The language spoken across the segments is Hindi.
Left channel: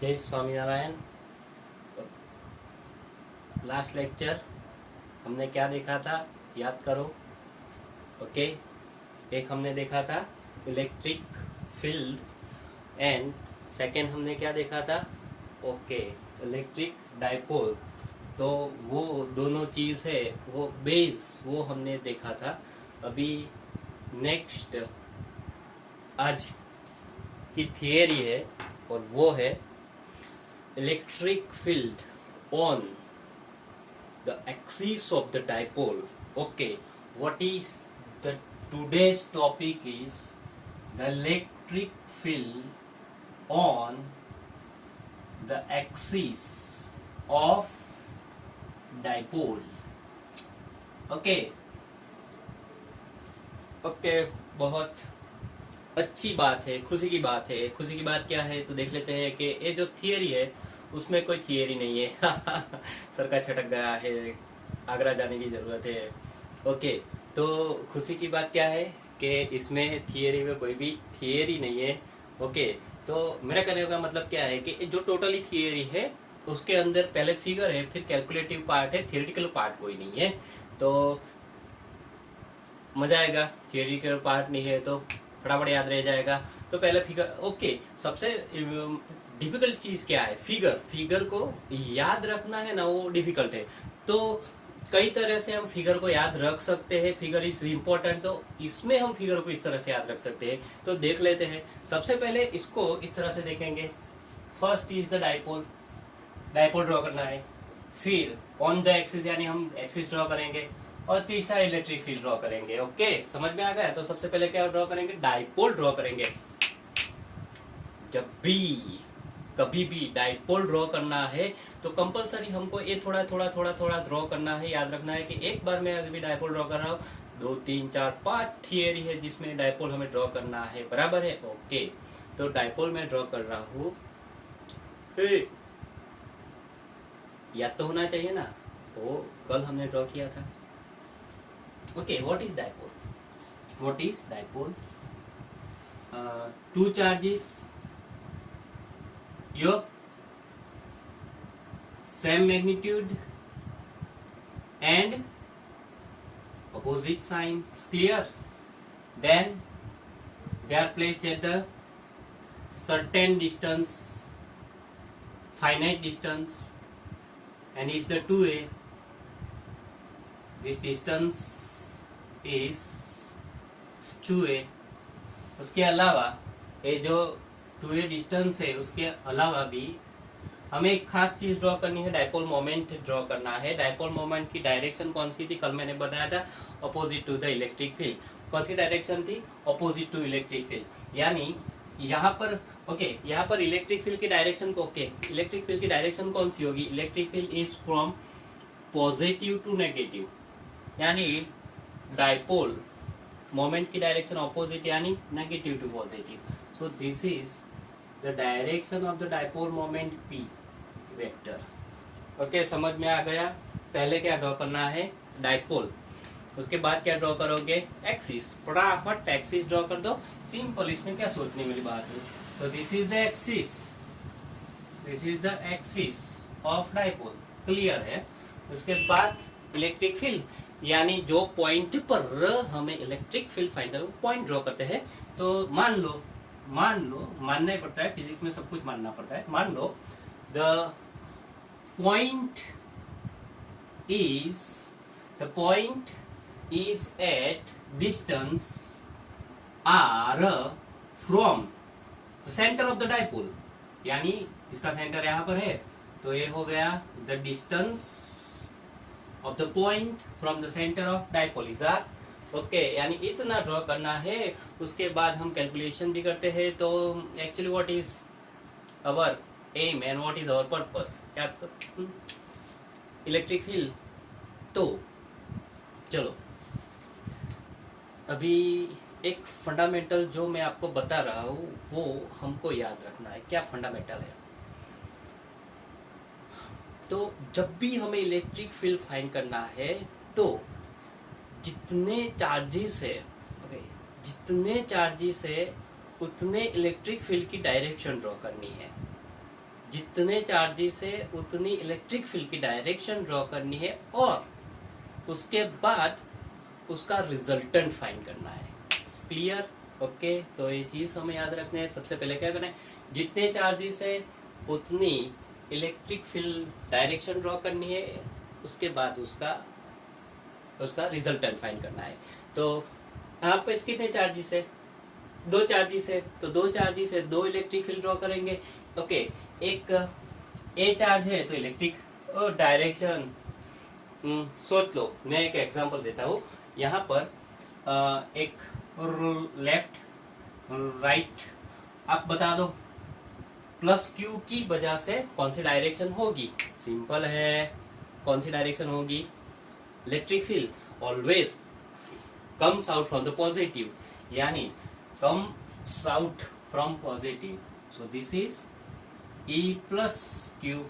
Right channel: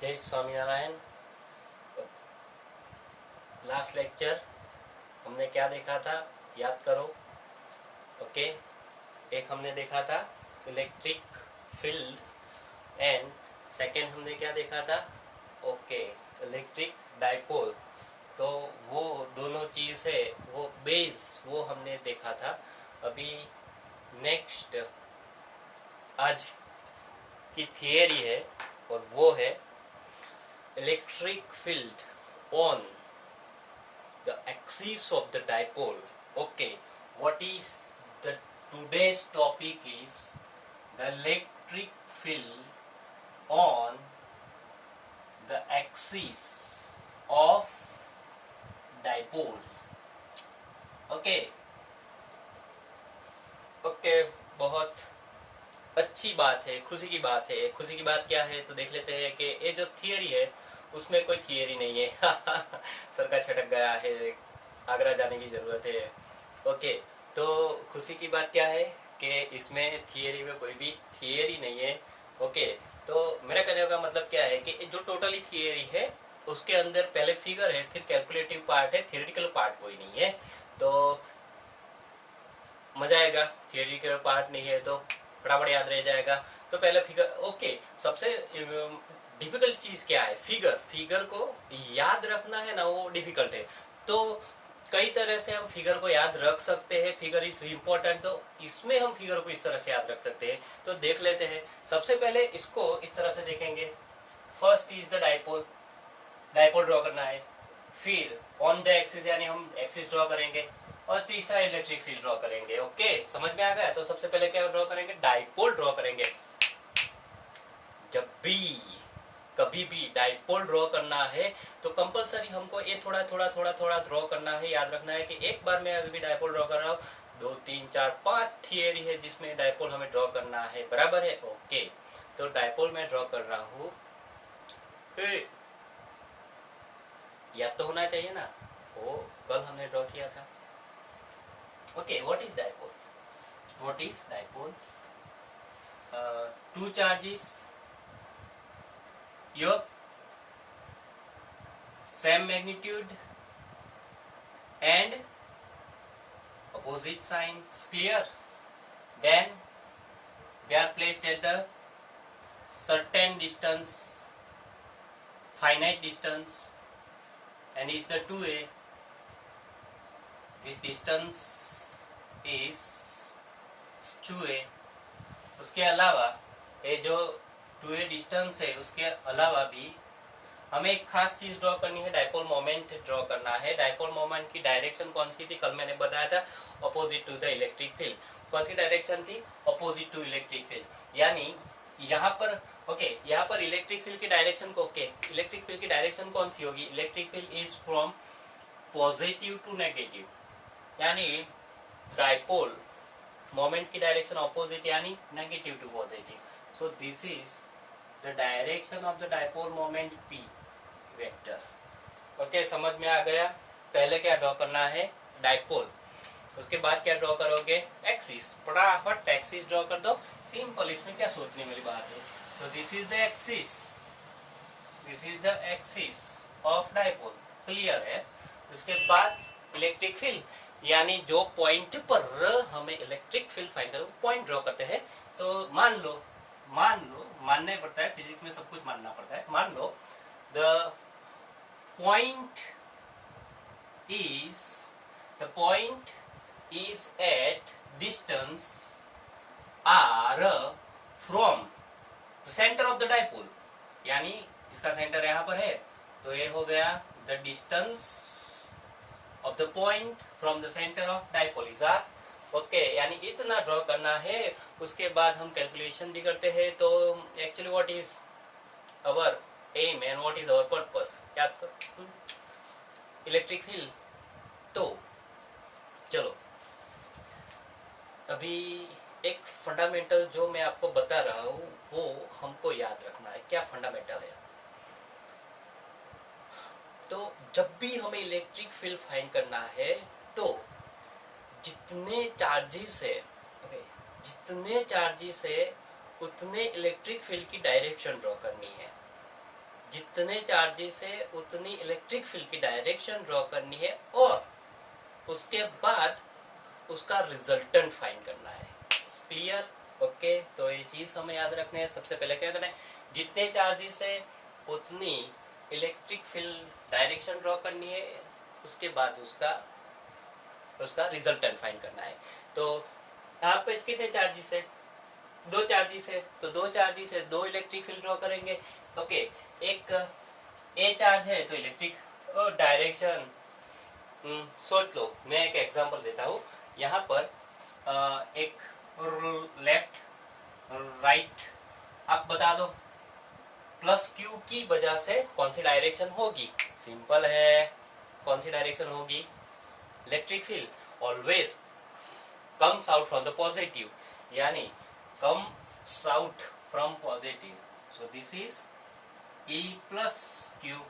जय स्वामीनारायण। लास्ट लेक्चर हमने क्या देखा था, याद करो। ओके, एक हमने देखा था इलेक्ट्रिक फील्ड एंड सेकेंड हमने क्या देखा था, ओके, इलेक्ट्रिक डाइपोल। तो वो दोनों चीज है, वो बेस वो हमने देखा था। अभी नेक्स्ट आज की थियरी है और वो है electric field on the axis of the dipole. Okay, what is the today's topic is the electric field on the axis of dipole. Okay, okay, बहुत अच्छी बात है, खुशी की बात है। खुशी की बात क्या है तो देख लेते हैं कि ये जो थियरी है उसमें कोई थियरी नहीं है। सर का छटक गया है, आगरा जाने की जरूरत है। ओके, तो खुशी की बात क्या है कि इसमें थियरी में कोई भी थियरी नहीं है। ओके, तो मेरा कहने का मतलब क्या है कि जो टोटली थियरी है उसके अंदर पहले फिगर है, फिर कैलकुलेटिव पार्ट है, थियोरिटिकल पार्ट कोई नहीं है। तो मजा आएगा। थियोरिटिकल पार्ट नहीं है तो फटाफट याद रह जाएगा। तो पहले फिगर, ओके, सबसे डिफिकल्ट चीज क्या है, फिगर। फिगर को याद रखना है ना, वो डिफिकल्ट है। तो कई तरह से हम फिगर को याद रख सकते हैं। फिगर इज इम्पोर्टेंट, तो इसमें हम फिगर को इस तरह से याद रख सकते हैं। तो देख लेते हैं। सबसे पहले इसको इस तरह से देखेंगे। First is the dipole, dipole draw करना है। फिर ऑन द एक्सिस यानी हम एक्सिस ड्रॉ करेंगे और तीसरा इलेक्ट्रिक फील्ड ड्रॉ करेंगे। ओके, समझ में आ गया। तो सबसे पहले क्या ड्रॉ करेंगे, डाइपोल ड्रॉ करेंगे। जब भी कभी भी डाइपोल ड्रॉ करना है तो कंपलसरी हमको ये थोड़ा थोड़ा थोड़ा थोड़ा ड्रॉ करना है। याद रखना है कि एक बार मैं अगर भी डाइपोल ड्रॉ कर रहा हूँ, 2 3 4 5 थियरी है जिसमें डाइपोल हमें ड्रॉ करना है, बराबर है। ओके, तो डाइपोल में ड्रॉ कर रहा हूँ। याद तो होना चाहिए ना, वो कल हमने ड्रॉ किया था। Okay, what is dipole? What is dipole? Two charges, your same magnitude and opposite signs. Clear? Then they are placed at the certain distance, finite distance, and is the 2a. This distance is 2a। उसके अलावा ये जो 2a डिस्टेंस है उसके अलावा भी हमें एक खास चीज ड्रॉ करनी है, डाइपोल मोमेंट ड्रॉ करना है। डाइपोल मोमेंट की डायरेक्शन कौन सी थी, कल मैंने बताया था, opposite to the electric field. कौन सी डायरेक्शन थी, अपोजिट टू इलेक्ट्रिक फील्ड। यानी यहाँ पर, ओके, यहाँ पर इलेक्ट्रिक फील्ड की डायरेक्शन को, ओके, इलेक्ट्रिक फील्ड की डायरेक्शन कौन सी होगी, electric field is from positive to negative. यानी डाइपोल मोमेंट की डायरेक्शन ऑपोजिट यानी negative to positive. So this is the direction of the dipole moment P vector. Okay, समझ में आ गया। पहले क्या ड्रॉ करना है, डाइपोल। उसके बाद क्या ड्रॉ करोगे, एक्सिस। फटाफट एक्सिस ड्रॉ कर दो, सिंपल। इसमें क्या सोचने वाली बात है। तो this is the axis, this is the axis of dipole. Clear है। उसके बाद इलेक्ट्रिक फील्ड, यानी जो पॉइंट पर हमें इलेक्ट्रिक फील्ड फाइंड करना, पॉइंट ड्रॉ करते हैं। तो मान लो मानना ही पड़ता है, फिजिक्स में सब कुछ मानना पड़ता है। मान लो the point is at distance R from the centre of the dipole. यानी इसका सेंटर यहां पर है, तो ये हो गया the distance of the point from the center of dipole is r। Okay, यानी इतना ड्रॉ करना है। उसके बाद हम कैलकुलेशन भी करते हैं। तो actually what is our aim and what is our purpose, याद कर, इलेक्ट्रिक फील्ड। तो चलो अभी एक फंडामेंटल जो मैं आपको बता रहा हूँ वो हमको याद रखना है। क्या फंडामेंटल है, तो जब भी हमें इलेक्ट्रिक फील्ड फाइंड करना है तो जितने चार्जेस है, ओके, जितने चार्जेस है उतने इलेक्ट्रिक फील्ड की डायरेक्शन ड्रॉ करनी है। जितने चार्जेस है उतनी इलेक्ट्रिक फील्ड की डायरेक्शन ड्रॉ करनी है और उसके बाद उसका रिजल्टेंट फाइंड करना है। क्लियर? ओके, तो ये चीज हमें याद रखना है। सबसे पहले क्या करना है, जितने चार्जेस है उतनी इलेक्ट्रिक फील्ड डायरेक्शन ड्रॉ करनी है, उसके बाद उसका रिजल्टेंट फाइंड करना है। तो यहाँ पे कितने चार्जेस है, 2 चार्जेस है, तो 2 चार्जेस है, 2 इलेक्ट्रिक फील्ड ड्रॉ करेंगे। ओके, एक ए चार्ज है तो इलेक्ट्रिक डायरेक्शन सोच लो, मैं एक एग्जांपल देता हूँ। यहाँ पर एक लेफ्ट राइट आप बता दो, प्लस क्यू की वजह से कौन सी डायरेक्शन होगी? सिंपल है, कौन सी डायरेक्शन होगी? Electric field always comes out from the positive, यानी comes out from positive, so this is E plus Q.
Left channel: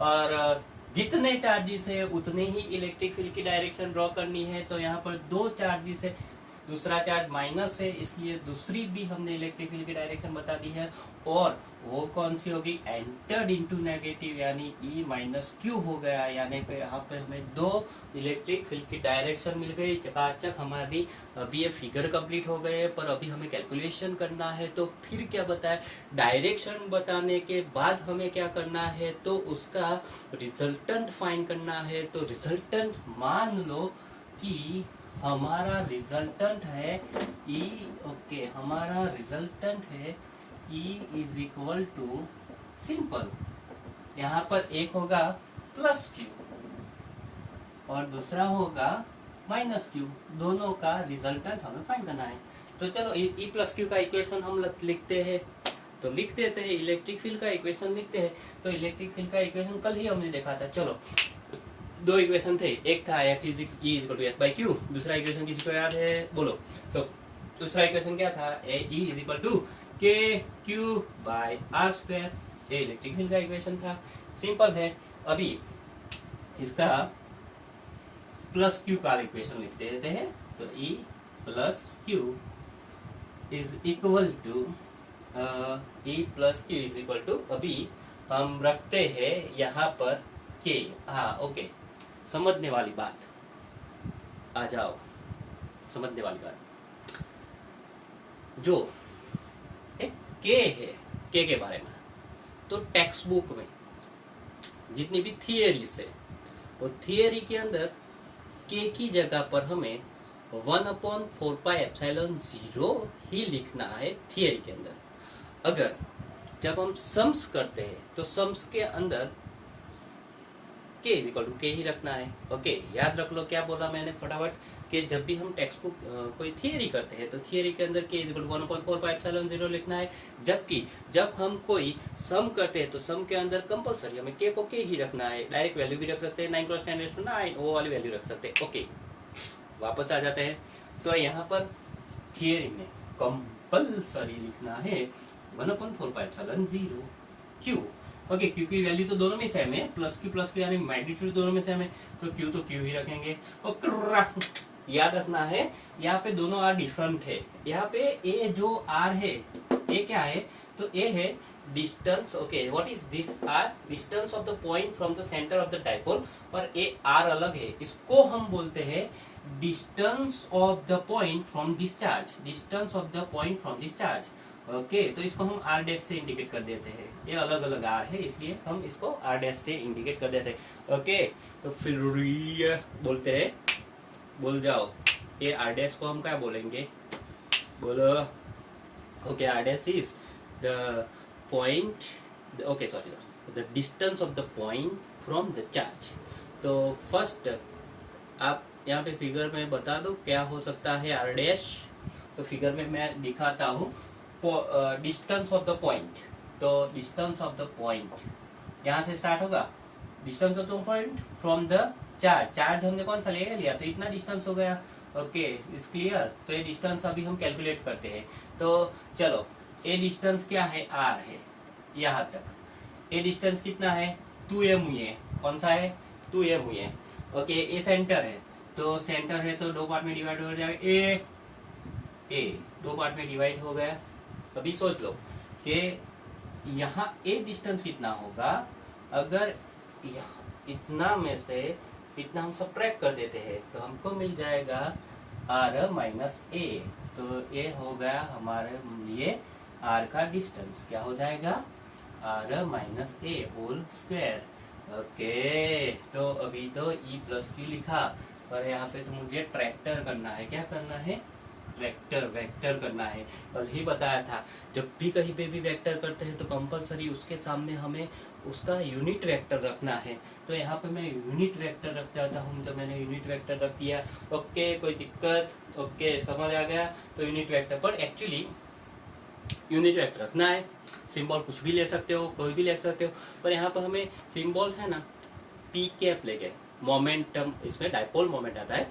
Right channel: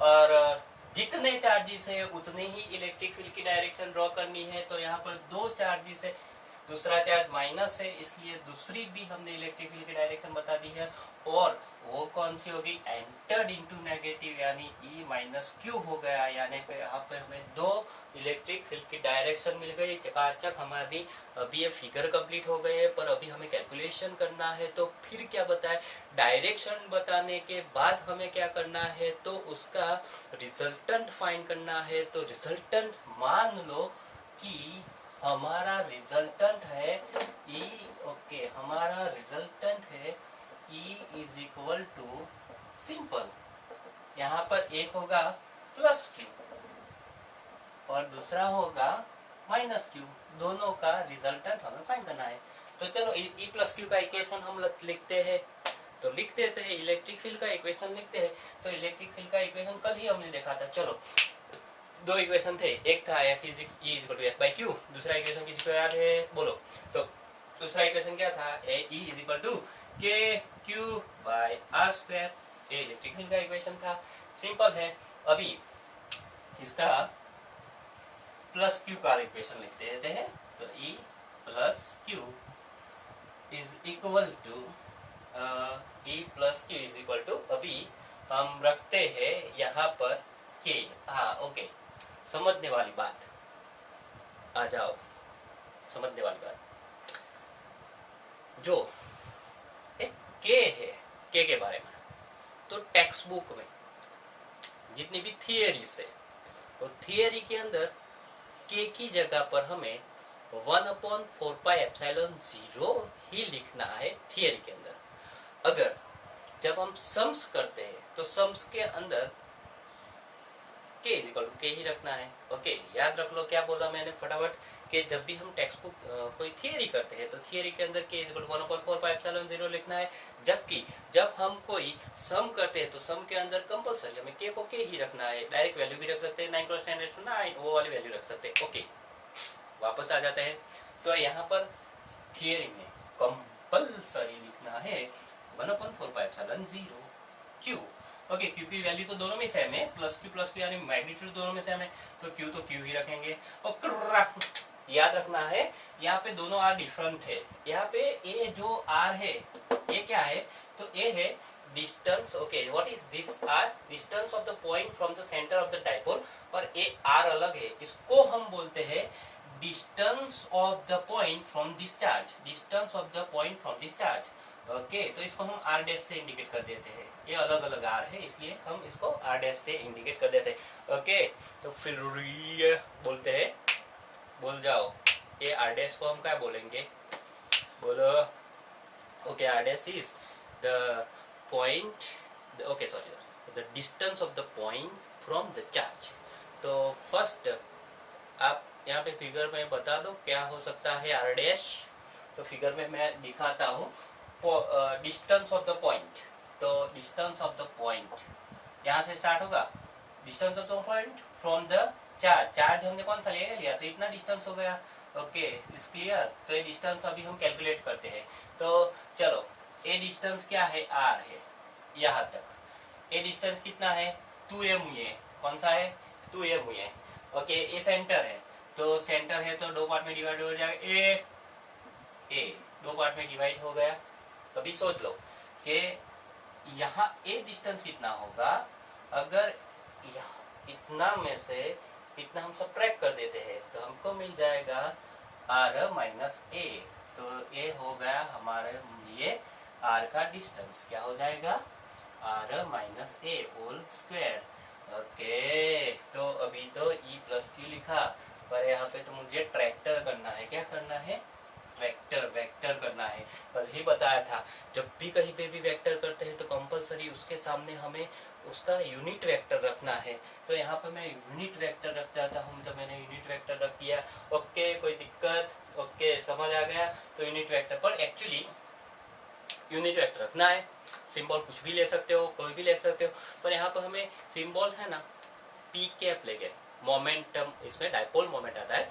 और जितने चार्जेस है उतने ही इलेक्ट्रिक फील्ड की डायरेक्शन ड्रॉ करनी है। तो यहाँ पर 2 चार्जेस है, दूसरा चार्ज माइनस है, इसलिए दूसरी भी हमने इलेक्ट्रिक फील्ड की डायरेक्शन बता दी है। और वो कौन सी होगी? एंटर्ड इनटू नेगेटिव, यानी E माइनस क्यू हो गया। यानी कि यहाँ पे हमें 2 इलेक्ट्रिक फील्ड की डायरेक्शन मिल गई। चकाचक हमारी अभी ये फिगर कंप्लीट हो गए, पर अभी हमें कैलकुलेशन करना है। तो फिर क्या बताए, डायरेक्शन बताने के बाद हमें क्या करना है, तो उसका रिजल्टेंट फाइंड करना है। तो रिजल्टेंट मान लो कि हमारा रिजल्टेंट है E। ओके, हमारा रिजल्टेंट है E is equal to, simple, यहाँ पर एक होगा प्लस क्यू और दूसरा होगा माइनस क्यू, दोनों का रिजल्टेंट हमें फाइंड करना है। तो चलो E प्लस क्यू का इक्वेशन हम लिखते हैं, तो लिख देते हैं। इलेक्ट्रिक फील्ड का इक्वेशन लिखते हैं। तो इलेक्ट्रिक फील्ड का इक्वेशन कल ही हमने देखा था। चलो, 2 इक्वेशन थे, एक था F is equal to F by Q, दूसरा इक्वेशन किसी को याद है? बोलो। तो दूसरा इक्वेशन क्या था? E इज इक्वल टू के क्यू बाई आर स्क्वायर, ये इलेक्ट्रिक फील्ड का इक्वेशन था। सिंपल है। अभी इसका प्लस क्यू का इक्वेशन लिख देते हैं। तो E plus Q is equal to E plus Q is equal to, अभी हम रखते हैं यहाँ पर के। हाँ, ओके, समझने वाली बात, आ जाओ, समझने वाली बात। जो एक के है, के बारे में, तो टेक्स्ट बुक में जितनी भी थियरीज है, तो थियरी के अंदर के की जगह पर हमें 1/4πε0 ही लिखना है थियरी के अंदर। अगर जब हम सम्स करते हैं तो सम्स के अंदर के इज इक्वल टू के ही रखना है। ओके, याद रख लो क्या बोला मैंने फटाफट, कि जब भी हम टेक्स्ट बुक कोई थियरी करते हैं तो थियरी के अंदर के इज इक्वल टू 1/4πε0 लिखना है। जबकि जब हम कोई सम करते हैं तो सम के अंदर कंपलसरी हमें के को के ही रखना है। डायरेक्ट वैल्यू भी रख सकते हैं, 9 × 10⁹ वो वाली वैल्यू रख सकते हैं। ओके, वापस आ जाते हैं। तो यहाँ पर थियरी में कंपलसरी लिखना है 1/4πε0 क्यू। ओके, क्यू की वैल्यू तो दोनों में सेम है, प्लस क्यू यानी मैग्नीट्यूड दोनों में सेम है, तो क्यू ही रखेंगे। और याद रखना है, यहाँ पे दोनों आर डिफरेंट है। यहाँ पे ए जो आर है, ए क्या है, तो ए है distance. Okay, what is this R? Distance of the point from the centre of the dipole. और ए आर अलग है, इसको हम बोलते हैं distance of the point from discharge, distance of the point from discharge. Okay, तो इसको हम आर डैश से इंडिकेट कर देते हैं। ये अलग अलग आर है, इसलिए हम इसको आर डैश से इंडिकेट कर देते हैं। ओके, तो फिर बोलते हैं, बोल जाओ, ये आर डैश को हम क्या बोलेंगे? बोलो। Okay, R dash is the point, okay sorry, the distance of the point from the charge. तो फर्स्ट आप यहाँ पे फिगर में बता दो क्या हो सकता है आर डैश। तो फिगर में मैं दिखाता हूँ डिस्टेंस ऑफ द पॉइंट। तो डिस्टेंस ऑफ द पॉइंट यहाँ से स्टार्ट होगा, distance of the point from the charge. Charge हमने कौन सा ले लिया, तो इतना डिस्टेंस हो गया। Okay, is clear? तो ये डिस्टेंस अभी हम कैलकुलेट करते हैं। तो चलो, ये डिस्टेंस क्या है? आर है यहाँ तक। ये डिस्टेंस कितना है? 2m हुई है। कौन सा है? 2m हुई है। ओके, ये सेंटर है, तो सेंटर है तो 2 पार्ट में डिवाइड हो जाएगा। ए 2 पार्ट में डिवाइड हो गया। अभी सोच लो कि यहाँ ए डिस्टेंस कितना होगा, अगर इतना में से इतना हम सब्ट्रैक्ट कर देते हैं तो हमको मिल जाएगा आर माइनस ए। तो ये हो गया हमारे लिए आर का डिस्टेंस, क्या हो जाएगा, R minus A whole square. Okay, तो अभी तो ई प्लस क्यू लिखा, पर यहाँ पे तो मुझे ट्रैक्टर करना है। क्या करना है, वेक्टर करना है। कल ही बताया था, जब भी कहीं पे भी वेक्टर करते हैं तो कंपलसरी उसके सामने हमें उसका यूनिट वेक्टर रखना है। तो यहाँ पे मैं यूनिट वेक्टर रख देता हूँ, तो मैंने यूनिट वेक्टर रख दिया। ओके, कोई दिक्कत, ओके समझ आ गया। तो यूनिट वेक्टर, पर एक्चुअली यूनिट वेक्टर रखना है, सिंबल कुछ भी ले सकते हो, कोई भी ले सकते हो, पर यहाँ पर हमें सिंबल है ना पी कैप ले गए, मोमेंटम, इसमें डायपोल मोमेंट आता है।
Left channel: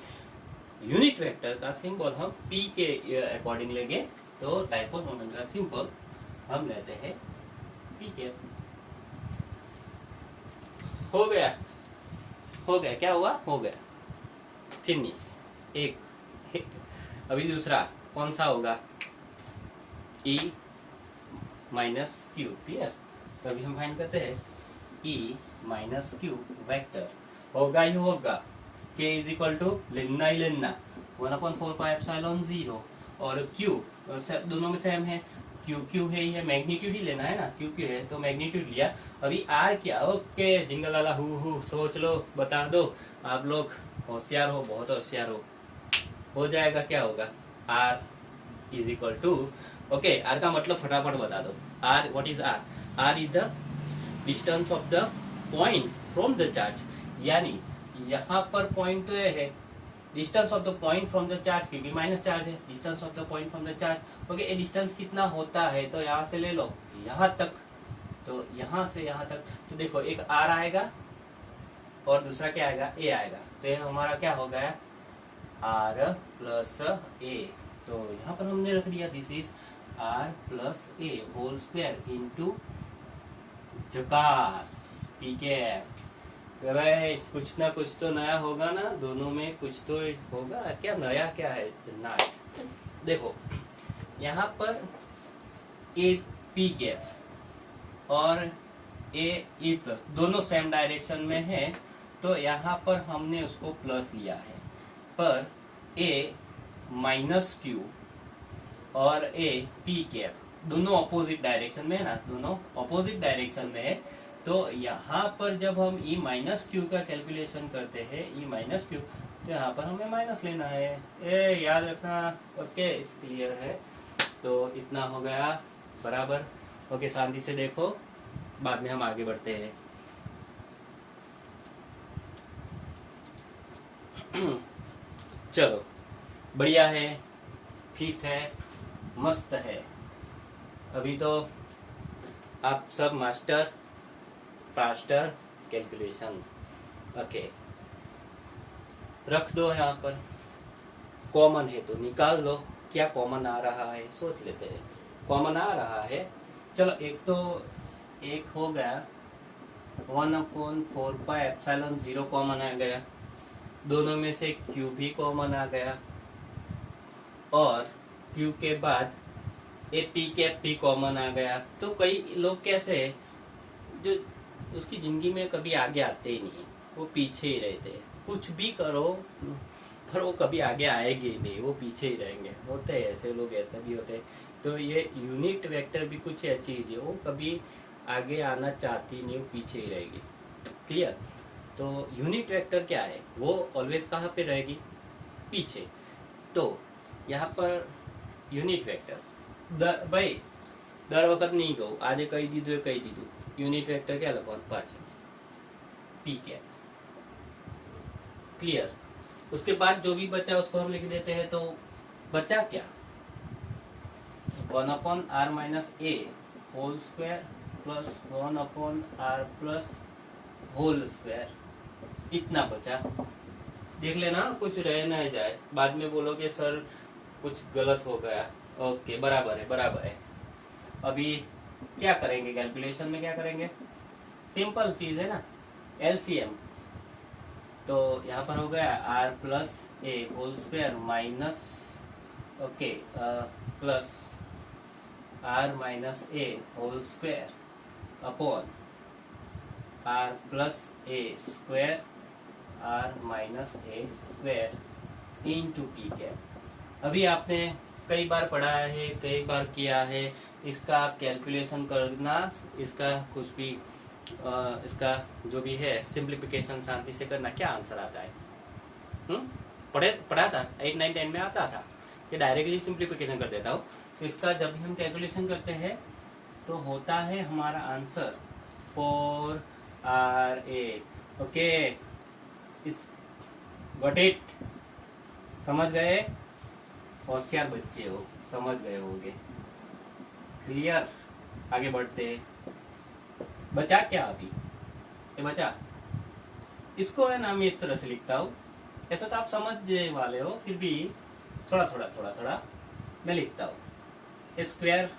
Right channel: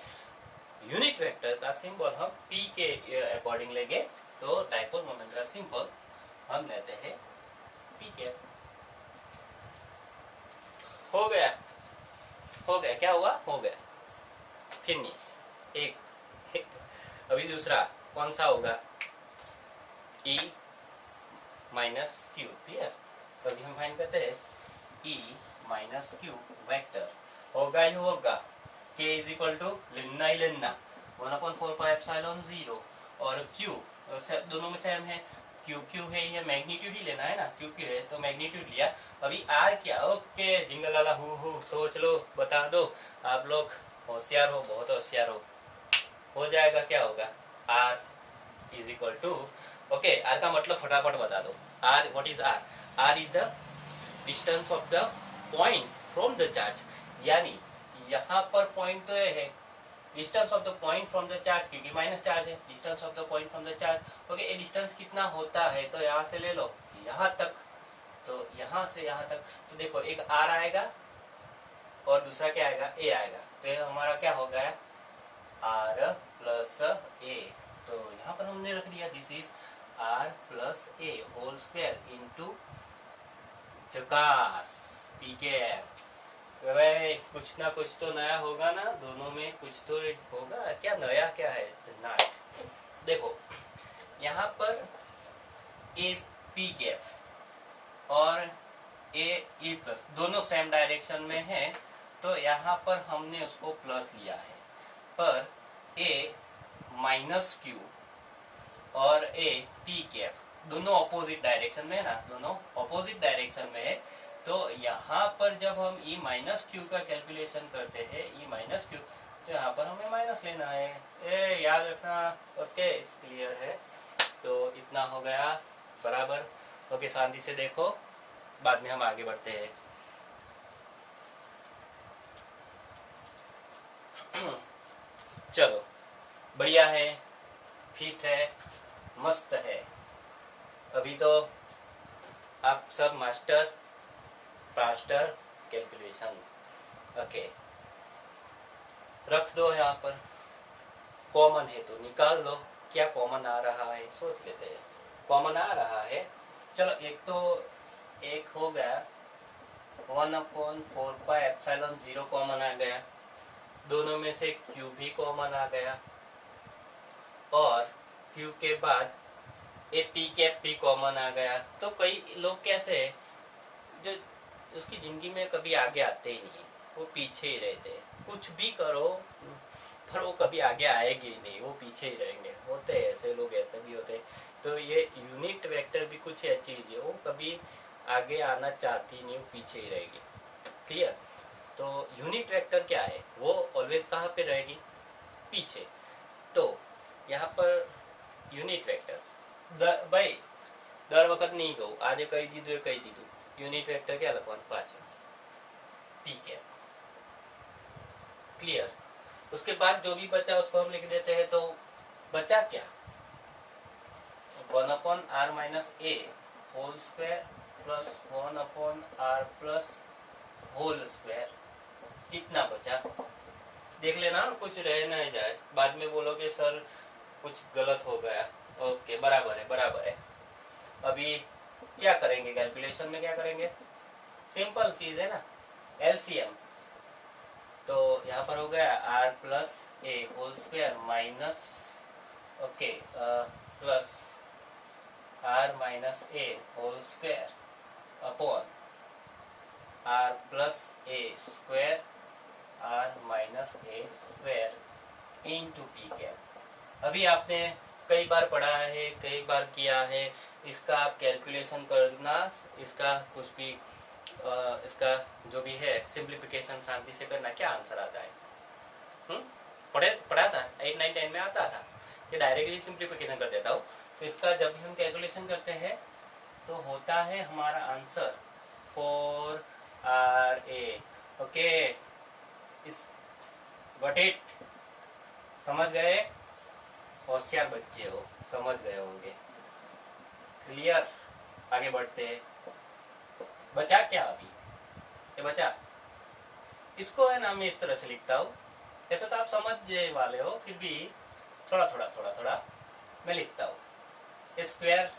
यूनिट वेक्टर का सिंबल हम पी के अकॉर्डिंग लेंगे, तो डायपोल मोमेंट का सिंबल हम लेते हैं पी कैप। हो गया, क्या हुआ, हो गया, फिनिश। एक अभी दूसरा कौन सा होगा, E माइनस क्यू। क्लियर, तो अभी हम फाइंड करते हैं E माइनस क्यू वेक्टर होगा ही होगा, K इज इक्वल टू लेना ही लेना 1/4πε0, और Q दोनों में सेम है, क्यू है, ये मैग्नीट्यूड ही लेना है ना, क्यू है तो मैग्नीट्यूड लिया। अभी R क्या, ओके जिंगल वाला हु सोच लो, बता दो, आप लोग होशियार हो, बहुत होशियार हो जाएगा। क्या होगा, R is equal to, okay R का मतलब फटाफट बता दो, R what is R, R is the distance of the point from the charge, यानी यहाँ पर पॉइंट तो ये है, distance of the point from the charge, क्योंकि माइनस चार्ज है, distance of the point from the charge. Okay, ये डिस्टेंस कितना होता है, तो यहाँ से ले लो यहाँ तक, तो यहाँ से यहाँ तक, तो देखो एक आर आएगा और दूसरा क्या आएगा, ए आएगा, तो ये हमारा क्या हो गया, आर प्लस ए। तो यहाँ पर हमने रख दिया this is R plus A whole square into झकास पी के एफ। भाई कुछ ना कुछ तो नया होगा ना, दोनों में कुछ तो होगा, क्या नया क्या है ना। देखो यहाँ पर ए पी के एफ और ए ई प्लस दोनों सेम डायरेक्शन में है, तो यहाँ पर हमने उसको प्लस लिया है, पर ए माइनस क्यू और ए पी कैप दोनों अपोजिट डायरेक्शन में है ना, दोनों अपोजिट डायरेक्शन में है। तो यहाँ पर जब हम ई माइनस क्यू का कैलकुलेशन करते हैं, ई माइनस क्यू, तो यहाँ पर हमें माइनस लेना है, ए याद रखना। ओके क्लियर है, तो इतना हो गया बराबर। ओके शांति से देखो, बाद में हम आगे बढ़ते हैं। चलो बढ़िया है, फिट है, मस्त है। अभी तो आप सब मास्टर फास्टर कैलकुलेशन। ओके रख दो, यहाँ पर कॉमन है तो निकाल लो, क्या कॉमन आ रहा है सोच लेते हैं। कॉमन आ रहा है, चलो एक तो एक हो गया, 1/4πε0 कॉमन आ गया, दोनों में से क्यू भी कॉमन आ गया, और क्यू के बाद ए पी कैप भी कॉमन आ गया। तो कई लोग कैसे है जो उसकी जिंदगी में कभी आगे आते ही नहीं, वो पीछे ही रहते हैं, कुछ भी करो पर वो कभी आगे आएंगे ही नहीं, वो पीछे ही रहेंगे। होते हैं ऐसे लोग, ऐसे भी होते हैं। तो ये यूनिट वेक्टर भी कुछ ऐसी चीज है, वो कभी आगे आना चाहती नहीं, वो पीछे ही रहेगी। क्लियर, तो यूनिट वेक्टर क्या है, वो ऑलवेज कहाँ पे रहेगी, पीछे। तो यहाँ पर यूनिट वेक्टर भाई दर वक्त नहीं कहूँ, आधे कही दीदू कही दीदू, यूनिट वेक्टर क्या लगवान पाँच पी कैप। क्लियर, उसके बाद जो भी बचा उसको हम लिख देते हैं, तो बचा क्या, 1/r minus A whole square plus 1/r plus whole square, इतना बचा। देख लेना कुछ रह ना जाए, बाद में बोलोगे सर कुछ गलत हो गया। ओके बराबर है, बराबर है। अभी क्या करेंगे कैलकुलेशन में, क्या करेंगे, सिंपल चीज है ना, एलसीएम। तो यहाँ पर हो गया R plus A whole square minus, okay plus R minus A whole square upon R plus A square R minus A square into P cap. अभी आपने कई बार पढ़ा है, कई बार किया है, इसका आप कैलकुलेशन करना, इसका कुछ भी इसका जो भी है सिंप्लीफिकेशन शांति से करना, क्या आंसर आता है। पढ़ा था 8, 9, 10 में आता था कि डायरेक्टली सिंप्लीफिकेशन कर देता हूँ। तो इसका जब भी हम कैलकुलेशन करते हैं तो होता है हमारा आंसर 4RA। ओके, इस गॉट इट, समझ गए, होशियार बच्चे हो, समझ गए होंगे। क्लियर, आगे बढ़ते हैं। बचा क्या अभी, ये बचा, इसको है ना मैं इस तरह से लिखता हूँ, ऐसा तो आप समझने वाले हो, फिर भी थोड़ा थोड़ा थोड़ा थोड़ा मैं लिखता हूँ। स्क्वायर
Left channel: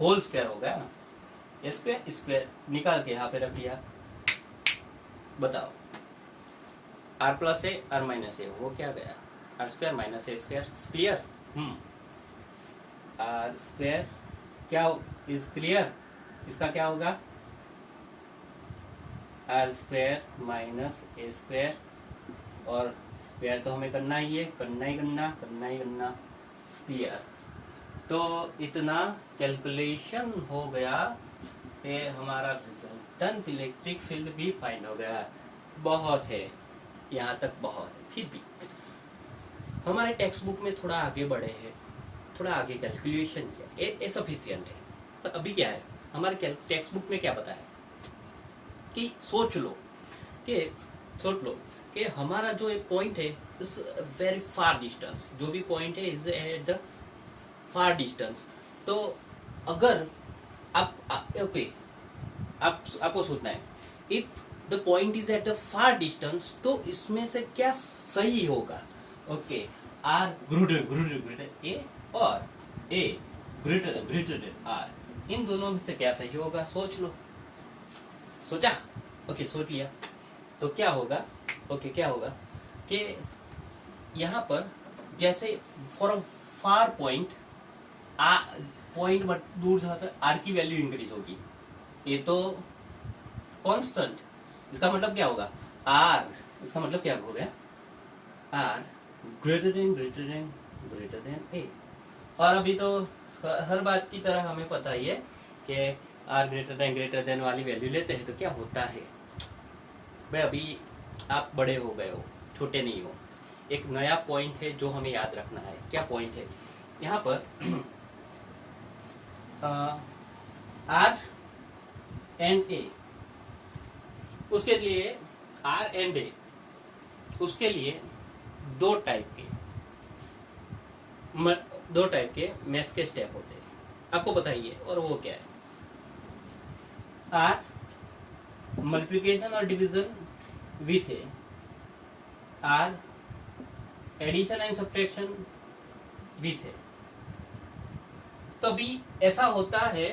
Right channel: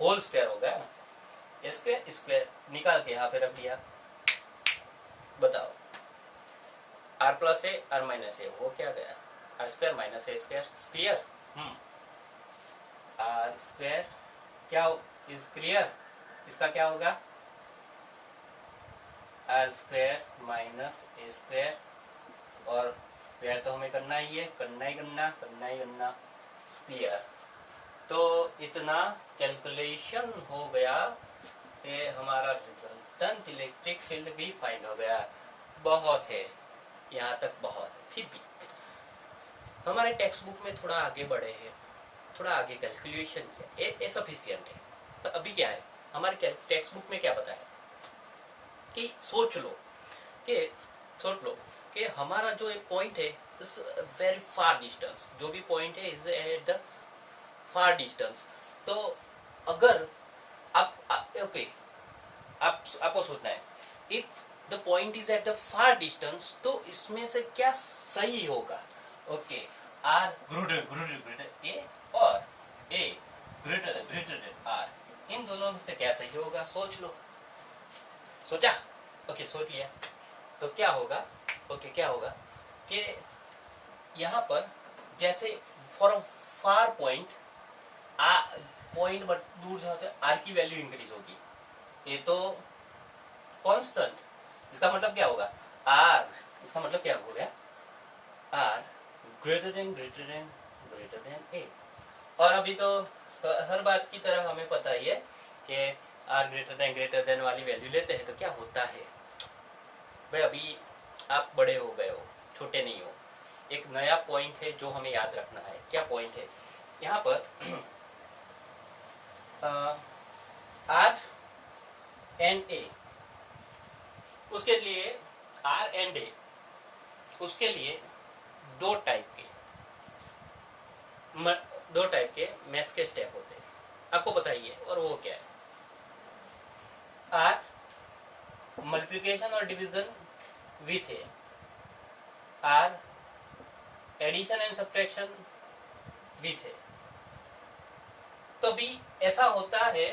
होल स्क्वायर हो गया ना, स्क्वायर स्क्वायर निकाल के यहाँ पे रख दिया। बताओ, R plus A R minus A वो क्या गया, R square minus A square. Clear, R square क्या इज क्लियर, इसका क्या होगा, R square minus A square, और स्क्वायर तो हमें करना ही है, करना ही करना। क्लियर, तो इतना कैलकुलेशन हो गया कि हमारा रिजल्टेंट इलेक्ट्रिक फील्ड भी फाइंड हो गया। बहुत है, यहाँ तक बहुत है, फिर भी हमारे टेक्स्ट बुक में थोड़ा आगे बढ़े हैं, थोड़ा आगे कैलकुलेशन किया, ये सफिशियंट है। तो अभी क्या है हमारे टेक्स्ट बुक में क्या बताया कि सोच लो कि हमारा जो एक पॉइंट है इज वेरी फार डिस्टेंस, जो भी पॉइंट है is at the far distance. तो अगर आपको सोचना है if the point is at the far distance, तो इसमें से क्या सही होगा। ओके, आर ग्रेटर ए और ए ग्रेटर आर, इन दोनों में से क्या सही होगा, सोच लो। सोचा, ओके सोच लिया, तो क्या होगा, क्या होगा कि यहाँ पर जैसे for a far point but दूर जाते आर की वैल्यू इंक्रीज होगी, ये तो कांस्टेंट, इसका मतलब क्या होगा, आर, इसका मतलब क्या हो गया, आर ग्रेटर देन ए। और अभी तो हर बात की तरह हमें पता ही है कि आर ग्रेटर देन वाली वैल्यू लेते हैं तो क्या होता है। भाई अभी आप बड़े हो गए हो, छोटे नहीं हो। एक नया पॉइंट है जो हमें याद रखना है। क्या पॉइंट है यहाँ पर, आर एंड ए, उसके लिए आर एंड ए, उसके लिए दो टाइप के मैथ्स के स्टेप होते हैं, आपको बताइए, और वो क्या है। आर मल्टीप्लिकेशन और डिवीजन विथ ए, आर addition and subtraction with A. तो भी ऐसा होता है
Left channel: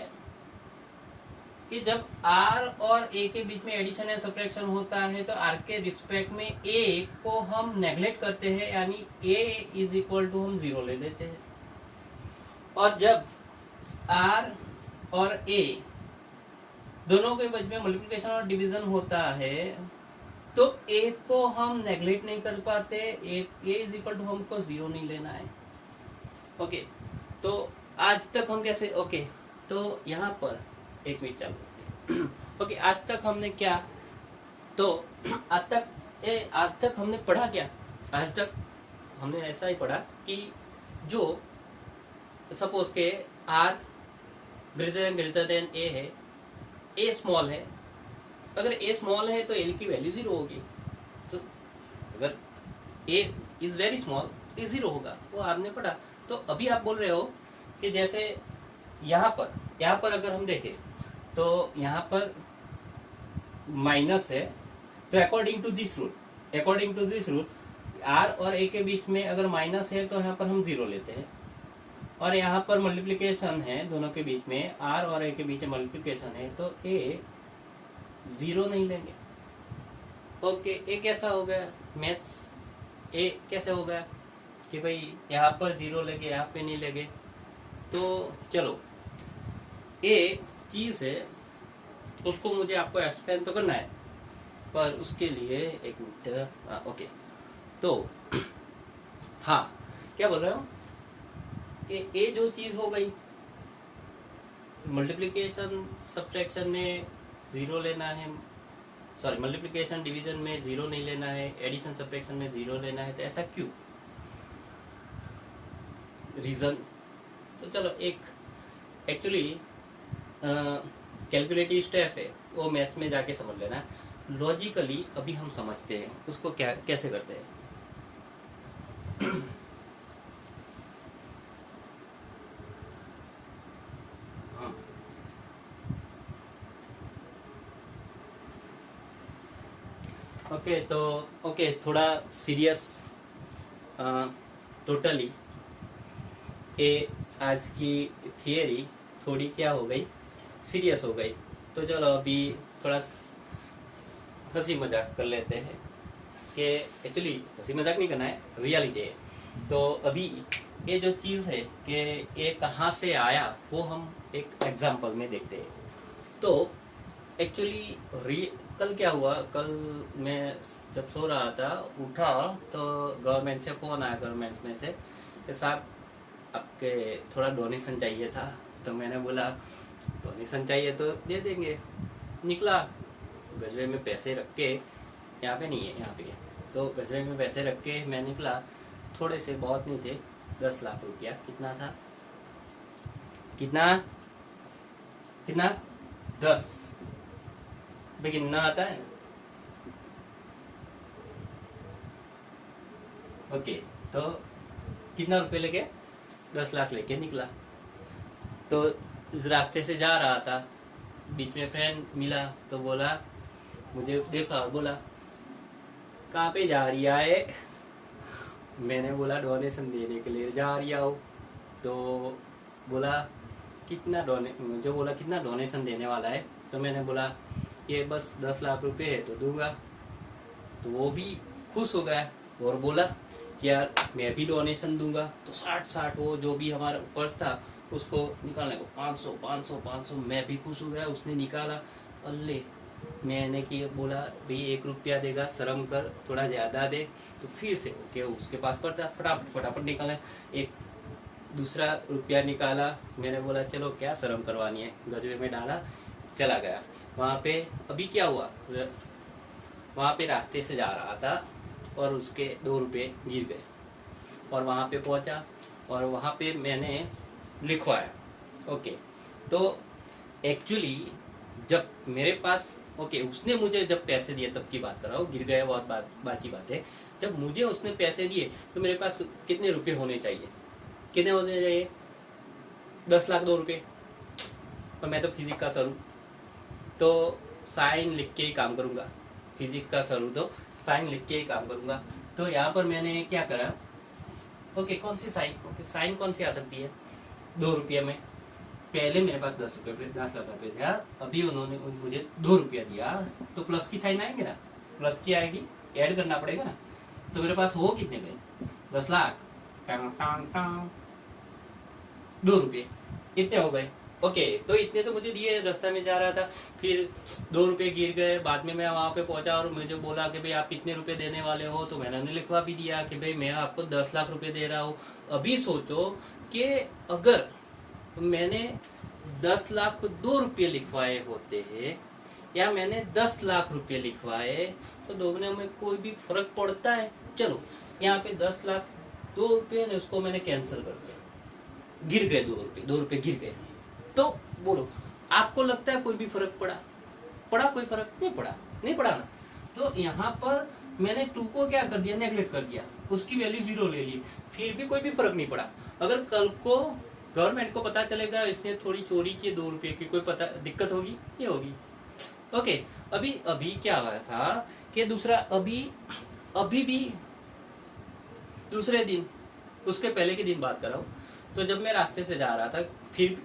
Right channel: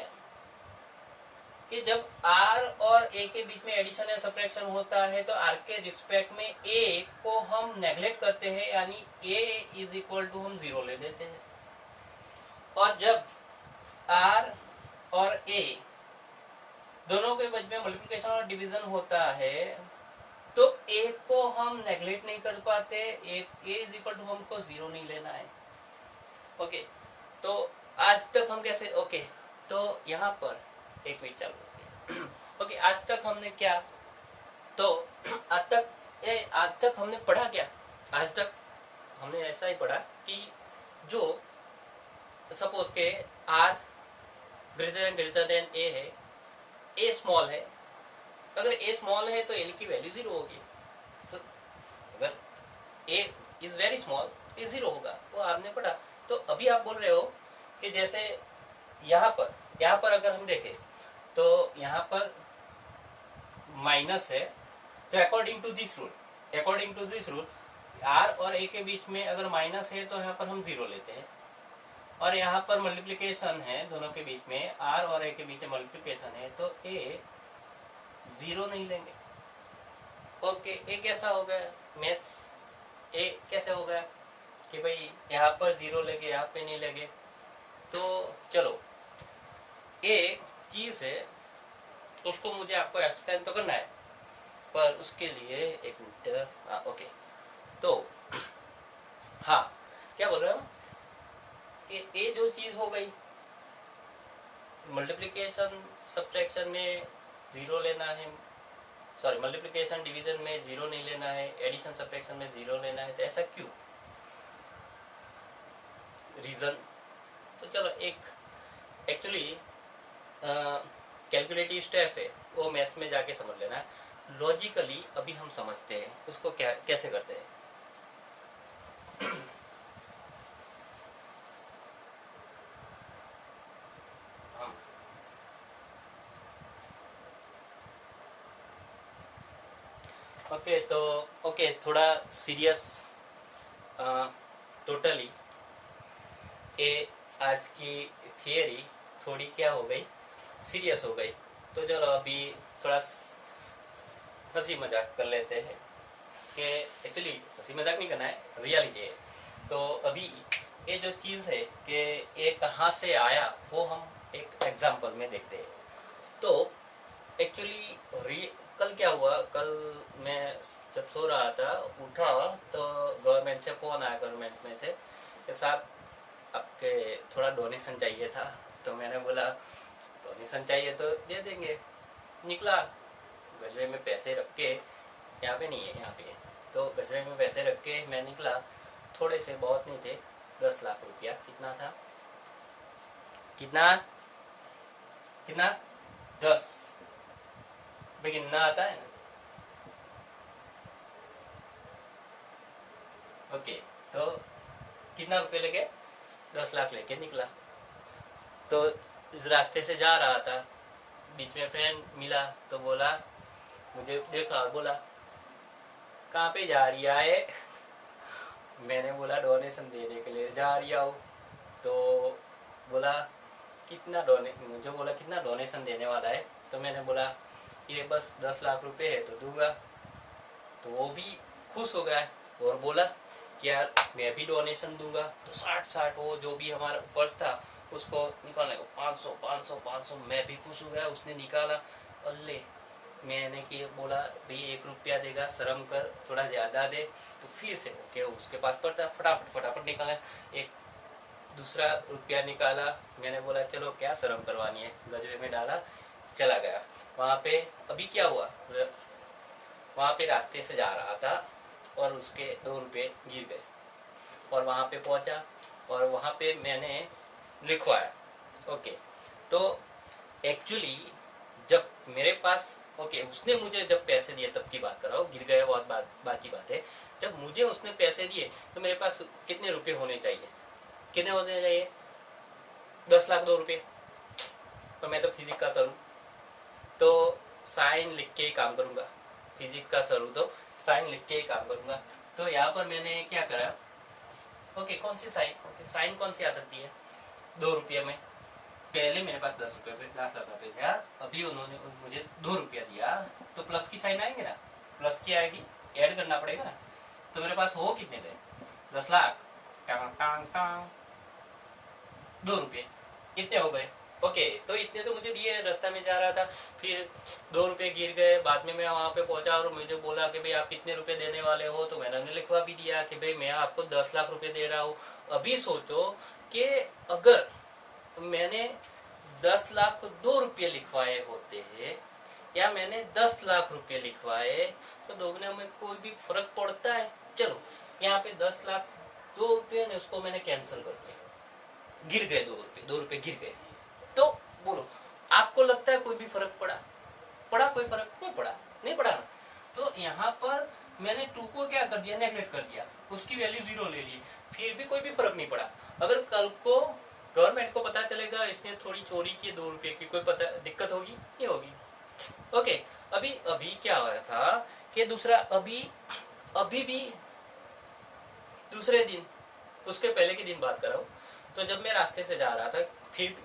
कि जब आर और ए के बीच में एडिशन या सब्ट्रैक्शन होता है तो आर के रिस्पेक्ट में ए को हम नेग्लेक्ट करते हैं, यानी ए इज इक्वल टू हम 0 ले लेते हैं। और जब आर और ए दोनों के बीच में मल्टीप्लिकेशन और डिवीजन होता है तो ए को हम नेग्लेक्ट नहीं कर पाते, ए इज इक्वल टू हमको 0 नहीं लेना है। ओके, तो आज तक हम कैसे, ओके तो यहाँ पर एक मिनट चालू। ओके, आज तक हमने क्या, तो आज तक हमने पढ़ा क्या, आज तक हमने ऐसा ही पढ़ा कि जो सपोज के आर ग्रेटर देन ए है, ए स्मॉल है, अगर ए स्मॉल है तो ए की वैल्यू 0 होगी। तो अगर ए इज वेरी स्मॉल, ए 0 होगा, वो आपने पढ़ा। तो अभी आप बोल रहे हो कि जैसे यहाँ पर अगर हम देखें तो यहाँ पर माइनस है, तो according to this rule R और ए के बीच में अगर माइनस है तो यहाँ पर हम 0 लेते हैं, और यहाँ पर मल्टीप्लिकेशन है दोनों के बीच में, आर और ए के बीच में मल्टीप्लिकेशन है तो ए 0 नहीं लेंगे। ओके, ए कैसा हो गया मैथ्स, ए कैसे हो गया कि भाई यहाँ पर 0 लगे, यहाँ पे नहीं लगे। तो चलो एक चीज है, उसको मुझे आपको एक्सप्लेन तो करना है, पर उसके लिए एक मिनट। ओके, तो हाँ, क्या बोल रहे हो कि ये जो चीज हो गई, मल्टीप्लिकेशन सब्ट्रैक्शन में जीरो लेना है, सॉरी मल्टीप्लिकेशन डिवीजन में जीरो नहीं लेना है, एडिशन सब्ट्रैक्शन में जीरो लेना है, तो ऐसा क्यों? रीजन तो चलो एक एक्चुअली कैलकुलेटिव स्टेप है, वो मैथ्स में जाके समझ लेना। लॉजिकली अभी हम समझते हैं उसको क्या कैसे करते हैं। ओके, तो ओके, थोड़ा सीरियस टोटली ये आज की थियरी थोड़ी क्या हो गई, सीरियस हो गई। तो चलो अभी थोड़ा हंसी मजाक कर लेते हैं कि एक्चुअली हंसी मजाक नहीं करना है, रियलिटी है। तो अभी ये जो चीज है कि ये कहाँ से आया वो हम एक एग्जांपल में देखते हैं। तो एक्चुअली कल क्या हुआ, कल मैं जब सो रहा था उठा तो गवर्नमेंट से फोन आया, गवर्नमेंट में से कि साहब आपके थोड़ा डोनेशन चाहिए था। तो मैंने बोला डोनेशन चाहिए तो दे देंगे। निकला गजरे में पैसे रख के, यहाँ पे नहीं है, यहाँ पे है, तो गजरे में पैसे रख के मैं निकला। थोड़े से, बहुत नहीं थे, 10 लाख रुपया। कितना था, कितना कितना 10 भाई, गिनना आता है ना? ओके, तो कितना रुपए लेके, 10 लाख लेके निकला। तो रास्ते से जा रहा था, बीच में फ्रेंड मिला तो बोला, मुझे देखा और बोला कहाँ पे जा रही है? मैंने बोला डोनेशन देने के लिए जा रही हूँ। तो बोला कितना मुझे बोला कितना डोनेशन देने वाला है? तो मैंने बोला ये बस 10 लाख रुपए है तो दूंगा। तो वो भी खुश हो गया और बोला कि यार मैं भी डोनेशन दूंगा। तो 60 वो जो भी हमारा पर्स था उसको निकालने को 500 मैं भी खुश हो गया। उसने निकाला, अल्ले मैंने कि बोला भाई 1 रुपया देगा, शर्म कर, थोड़ा ज्यादा दे। तो फिर से ओके, उसके पास पड़ता, फटाफट निकाला, एक दूसरा रुपया निकाला। मैंने बोला चलो क्या शर्म करवानी है, गजरे में डाला, चला गया। वहां पे अभी क्या हुआ, वहां पे रास्ते से जा रहा था और उसके 2 रुपये गिर गए और वहां पे पहुंचा और वहां पे मैंने लिखवाया। ओके, तो एक्चुअली जब मेरे पास ओके उसने मुझे जब पैसे दिए तब की बात कर रहा हूँ, गिर गया बहुत बात की बात है। जब मुझे उसने पैसे दिए तो मेरे पास कितने रुपए होने चाहिए, कितने होने चाहिए? 10 लाख 2 रुपये। और मैं तो फिजिक्स का सर हूँ, तो साइन लिख के ही काम करूंगा। फिजिक्स का सर हूँ तो साइन लिख के ही काम करूंगा। तो यहाँ पर मैंने क्या करा, ओके कौन सी साइन, ओके साइन कौन सी आ सकती है 2 रुपये में? पहले मेरे पास 10 लाख रुपए था, अभी उन्होंने मुझे 2 रुपया दिया, तो प्लस की साइन आएंगे ना, प्लस की आएगी, ऐड करना पड़ेगा ना। तो मेरे पास हो कितने गए, 10 लाख 2 रुपये, इतने हो गए। ओके, तो इतने तो मुझे दिए, रास्ता में जा रहा था, फिर 2 रुपये गिर गए। बाद में मैं वहां पे पहुंचा और मुझे बोला कि भाई आप कितने रुपए देने वाले हो? तो मैंने लिखवा भी दिया कि भाई मैं आपको 10 लाख रुपए दे रहा हूँ। अभी सोचो कि अगर मैंने 10 लाख को 2 रुपये लिखवाए होते हैं या मैंने 10 लाख रुपये लिखवाए, तो दोनों में कोई भी फर्क पड़ता है? चलो यहाँ पे 10 लाख 2 रुपये ने उसको मैंने कैंसिल कर दिया, गिर गए 2 रुपये गिर गए। तो बोलो आपको लगता है कोई भी फर्क पड़ा? कोई फर्क नहीं पड़ा ना। तो यहाँ पर मैंने 2 को क्या कर दिया, नेगलेक्ट कर दिया, उसकी वैल्यू 0 ले ली, फिर भी कोई भी फर्क नहीं पड़ा। अगर कल को गवर्नमेंट को पता चलेगा इसने थोड़ी चोरी की 2 रुपये की, कोई पता दिक्कत होगी? ये होगी। ओके, अभी क्या हुआ था कि दूसरा अभी भी दूसरे दिन, उसके पहले के दिन बात कर रहा हूँ। तो जब मैं रास्ते से जा रहा था, फिर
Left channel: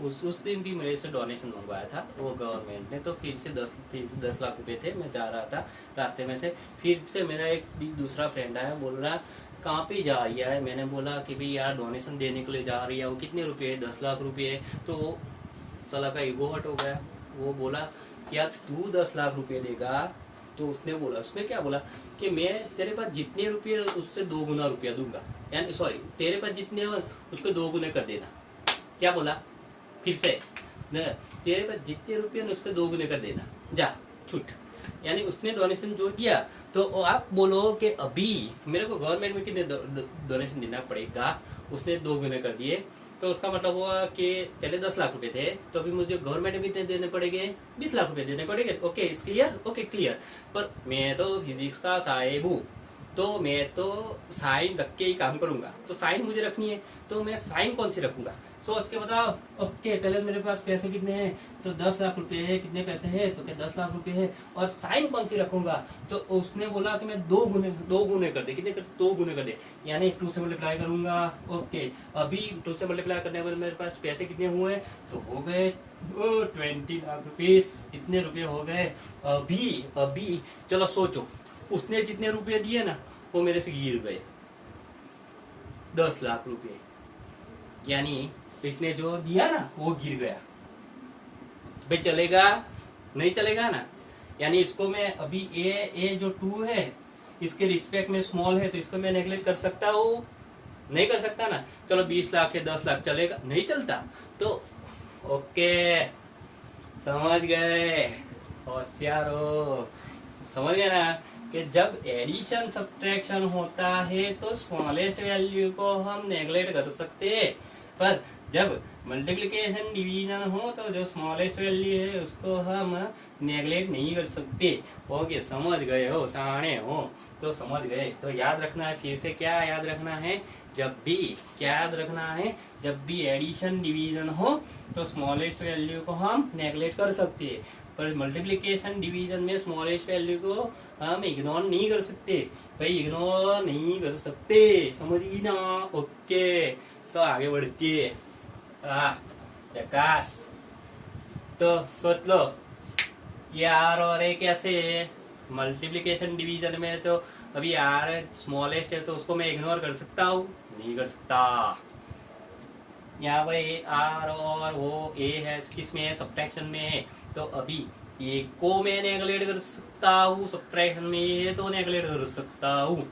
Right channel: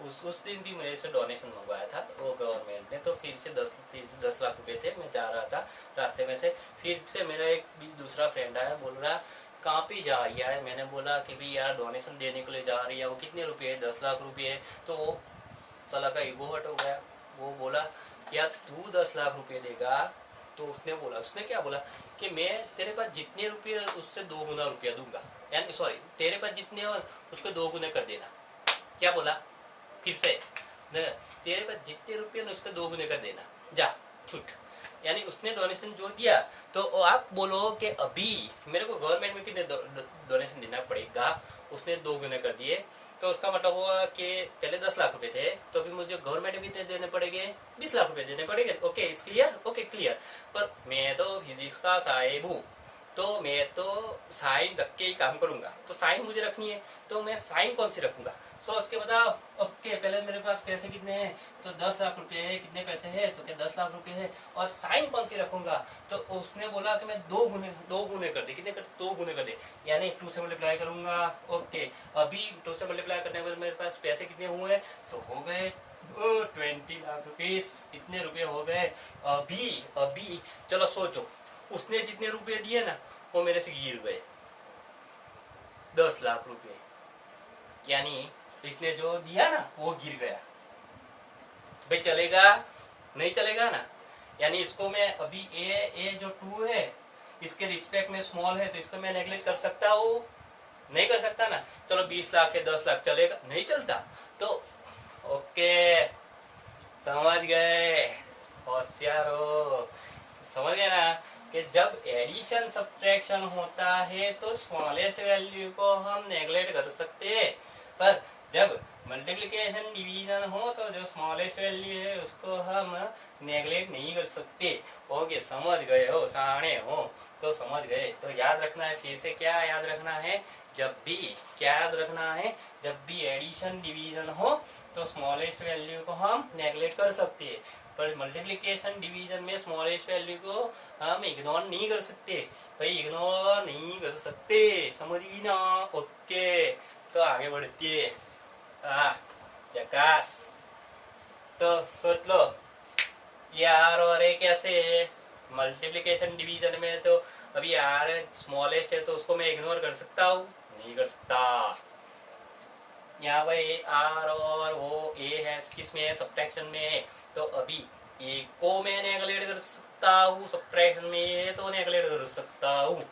उस दिन भी मेरे से डोनेशन मंगवाया था वो गवर्नमेंट ने। तो फिर से 10 लाख रुपए थे। मैं जा रहा था रास्ते में से, फिर से मेरा एक दूसरा फ्रेंड आया, बोल रहा कहाँ पे जा रही है? मैंने बोला कि भाई यार डोनेशन देने के लिए जा रही है। वो कितने रुपए? 10 लाख रुपए। तो साला का ईगो हट हो गया। वो बोला क्या तू 10 लाख रुपए देगा? तो उसने क्या बोला कि मैं तेरे पास जितने रुपये उससे 2 गुना रुपया दूंगा, यानी सॉरी तेरे पास जितने हो उसको 2 गुने कर देना। क्या बोला फिर से? तेरे पास जितने रुपये उसको 2 गुने कर देना, जा छूट। यानी उसने डोनेशन जो दिया तो आप बोलो कि अभी मेरे को गवर्नमेंट में कितने डोनेशन देना पड़ेगा, उसने 2 गुने कर दिए। तो उसका मतलब हुआ कि पहले 10 लाख रुपए थे तो अभी मुझे गवर्नमेंट में कितने देने पड़ेंगे? 20 लाख रुपए देने पड़ेंगे। ओके इस क्लियर? Okay clear. पर मैं तो फिजिक्स का साहेब हूँ, तो मैं तो साइन रख के ही काम करूंगा। तो साइन मुझे रखनी है, तो मैं साइन कौन सी रखूंगा? सोच के बताओ। ओके पहले मेरे पास पैसे कितने हैं? तो 10 लाख रुपए है। कितने पैसे है? तो क्या 10 लाख रुपए है। और साइन कौन सी रखूंगा? तो उसने बोला कि मैं 2 गुने कर दे। कितने कर? 2 गुने कर दे, यानी 2 से मल्टीप्लाई करूंगा। ओके अभी 2 से मल्टीप्लाई करने के बाद मेरे पास पैसे कितने हुए? तो हो गए 20 लाख रुपीस। इतने रुपए हो गए। अभी चलो सोचो, उसने जितने रुपए दिए ना वो मेरे से गिर गए 10 लाख रुपए, यानी इसने जो दिया ना वो गिर गया। भाई चलेगा? नहीं चलेगा ना। यानी इसको मैं अभी ए जो 2 है इसके रिस्पेक्ट में स्मॉल है तो इसको मैं नेगलेक्ट कर सकता हूँ? नहीं कर सकता ना। चलो 20 लाख या 10 लाख चलेगा? नहीं चलता। तो ओके समझ गए, होशियार हो। समझ गए ना कि जब एडिशन सब्ट्रैक्शन होता है तो स्मॉलेस्ट वैल्यू को हम नेगलेक्ट कर सकते हैं, पर जब मल्टीप्लिकेशन डिवीजन हो तो जो स्मॉलेस्ट वैल्यू है उसको हम नेगलेक्ट नहीं कर सकते। ओके समझ गए हो, सयाने हो तो समझ गए। तो याद रखना है, फिर से क्या याद रखना है? जब भी क्या याद रखना है? जब भी एडिशन डिवीजन हो तो स्मॉलेस्ट वैल्यू को हम नेगलेक्ट कर सकते हैं, पर मल्टीप्लिकेशन डिवीजन में स्मॉलेस्ट वैल्यू को हम इग्नोर नहीं कर सकते। भाई इग्नोर नहीं कर सकते, समझी ना? ओके तो आगे बढ़ती है। जकास। तो सोच लो ये आर और ए कैसे है? मल्टीप्लिकेशन डिवीजन में तो अभी आर स्मॉलेस्ट है तो उसको मैं इग्नोर कर सकता हूँ? नहीं कर सकता। यहाँ भाई आर और वो ए है किसमें है? सब्ट्रैक्शन में है। तो अभी ए को मैं नेगलेक्ट कर सकता हूँ, सब्ट्रैक्शन में ये तो नेगलेक्ट कर सकता हूँ।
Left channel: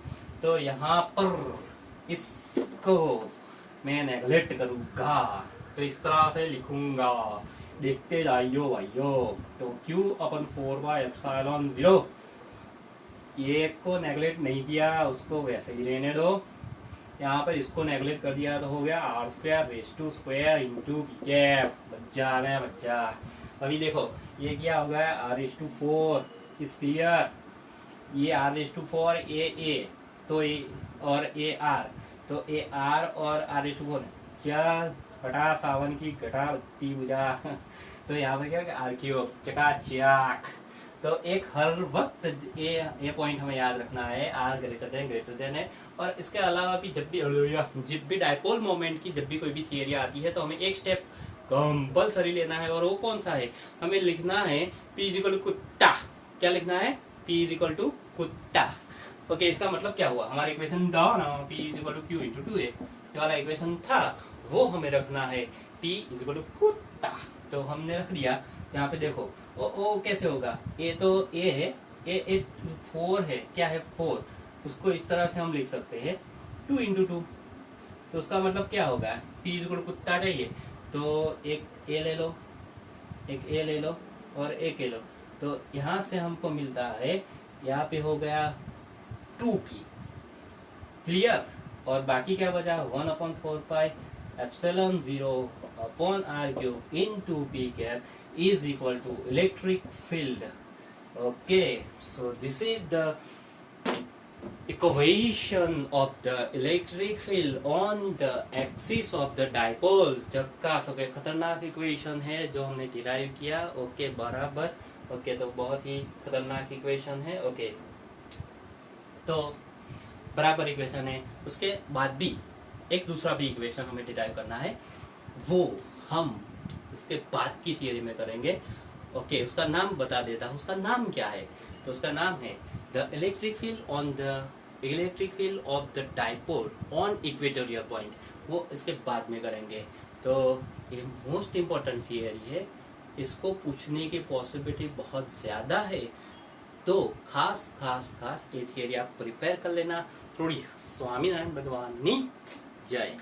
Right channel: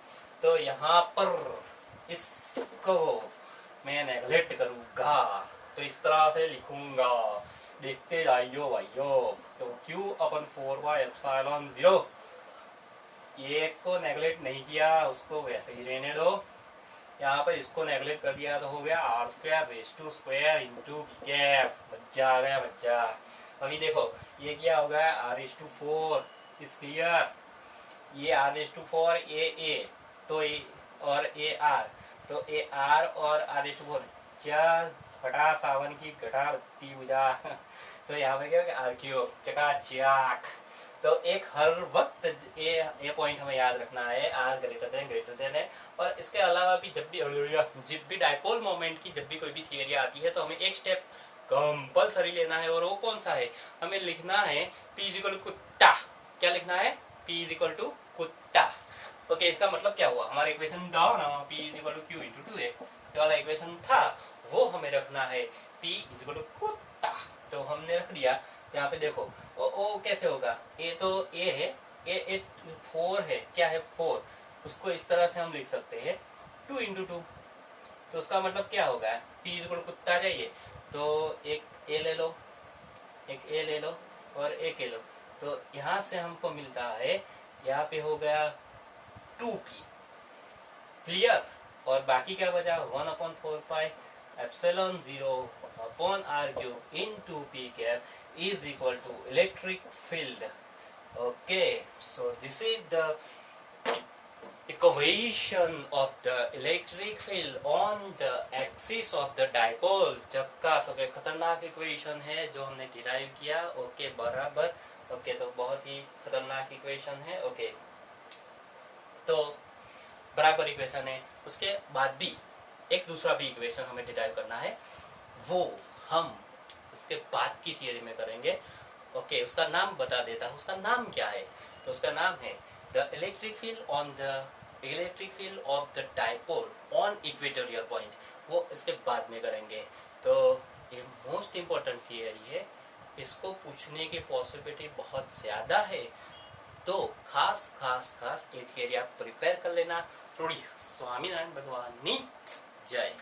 तो यहाँ पर इसको मैं नेगलेक्ट करूंगा, तो इस तरह से लिखूंगा। देखते जाइयो भाइयों। तो Q अपन 4/ε0, ये को नेगलेक्ट नहीं किया उसको वैसे ही रहने दो। यहाँ पर इसको नेगलेक्ट कर दिया तो हो गया r² इंटू कैप। बच्चा आ गया बच्चा। अभी देखो ये क्या होगा? r4 is clear. ये r4 ए तो ए और ए आर, तो ए आर और r4 चल हटा सावन की घटा बत्ती बुझा। तो यहाँ पे क्या होगा? r³ चकाचक। तो एक हर वक्त ये पॉइंट हमें याद रखना है, r ग्रेटर देन है। और इसके अलावा भी जब भी डायपोल मोमेंट की जब भी कोई भी थियरी आती है तो हमें एक स्टेप कंपल्सरी लेना है, और वो कौन सा है? हमें लिखना है p = कुत्ता। क्या लिखना है? p = कुत्ता। ओके इसका मतलब क्या हुआ? हमारा इक्वेशन था ना p = Q × 2a, ये वाला इक्वेशन था, वो हमें रखना है p = कुत्ता। तो हमने रख दिया। यहाँ पे देखो ओ कैसे होगा? ए तो ए है, ए 4 है। क्या है? 4। उसको इस तरह से हम लिख सकते हैं 2 × 2। तो उसका मतलब क्या होगा? p = कुत्ता चाहिए तो एक ए ले लो, एक ए ले लो और एक ए लो। तो यहाँ से हमको मिलता है, यहाँ पे हो गया 2p। क्लियर? और बाकी क्या बचा? 1/4πε0/r³ into p cap is equal to electric field. Okay, so this is the equation of the electric field on the axis of the dipole. झक्कास। ओके खतरनाक इक्वेशन है जो हमने डिराइव किया। ओके बराबर। ओके तो बहुत ही खतरनाक इक्वेशन है। ओके तो बराबर इक्वेशन है। उसके बाद भी एक दूसरा भी इक्वेशन हमें डिराइव करना है, वो हम इसके बाद की थियरी में करेंगे। ओके उसका नाम बता देता हूँ। उसका नाम क्या है? तो उसका नाम है the electric field of the dipole on equatorial point. वो इसके बाद में करेंगे। तो ये मोस्ट इम्पोर्टेंट थियरी है, इसको पूछने की पॉसिबिलिटी बहुत ज्यादा है। तो खास ये थियरी आप प्रिपेयर कर लेना। थोड़ी स्वामीनारायण भगवान की जय।